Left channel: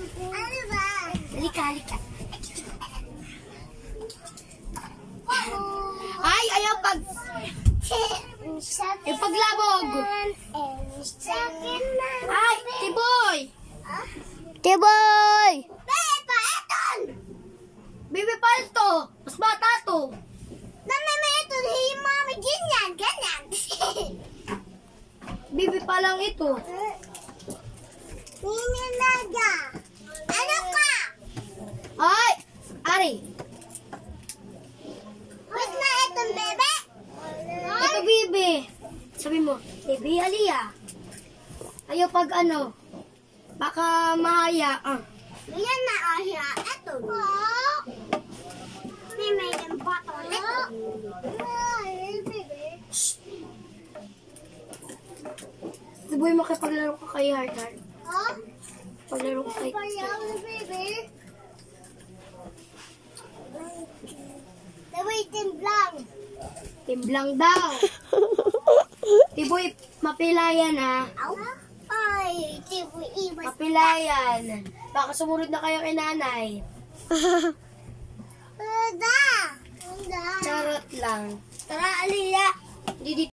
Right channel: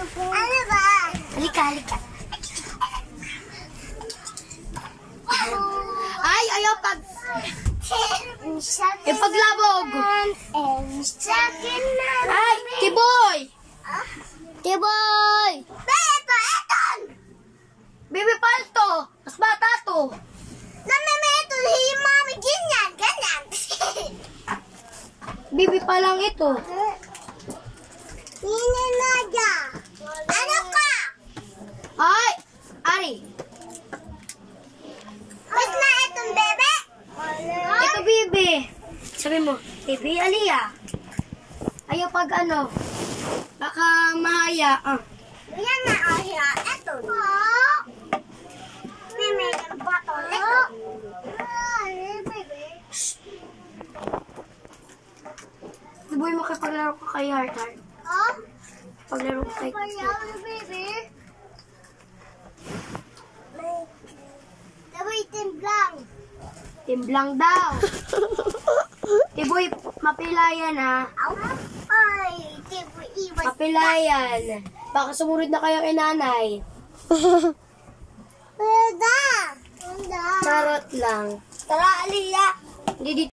Ano ba? Halika, halika. Ay, ayaw pag... paglabog. Ay, Tiboy! Tiboy! Bebe, eton! Baby palto! Mas bata to. Namimito si mami, ganyan, ganyan. Baby pa lang ito. Nininaga. Ano ka? Ay! Ari! Ba't na itong bebe? Ito, Bibi. Sabi mo, Bibi, Aliyah. Ayaw pag ano, baka mahaya. Yan na, oh, siya. Eto. May medyo bato. Eto. Tiboy, makipaglaro ka kay Heart Heart. Oh? Paglaro ka kay Baby. Sabay timblang. Timblang daw. Tiboy, mapilayan ha. Ay, tibo iwas. Mapilayan. Baka sumunod na kayo kay nanay. Wala. Charot lang. Tara, Aliyah. Hindi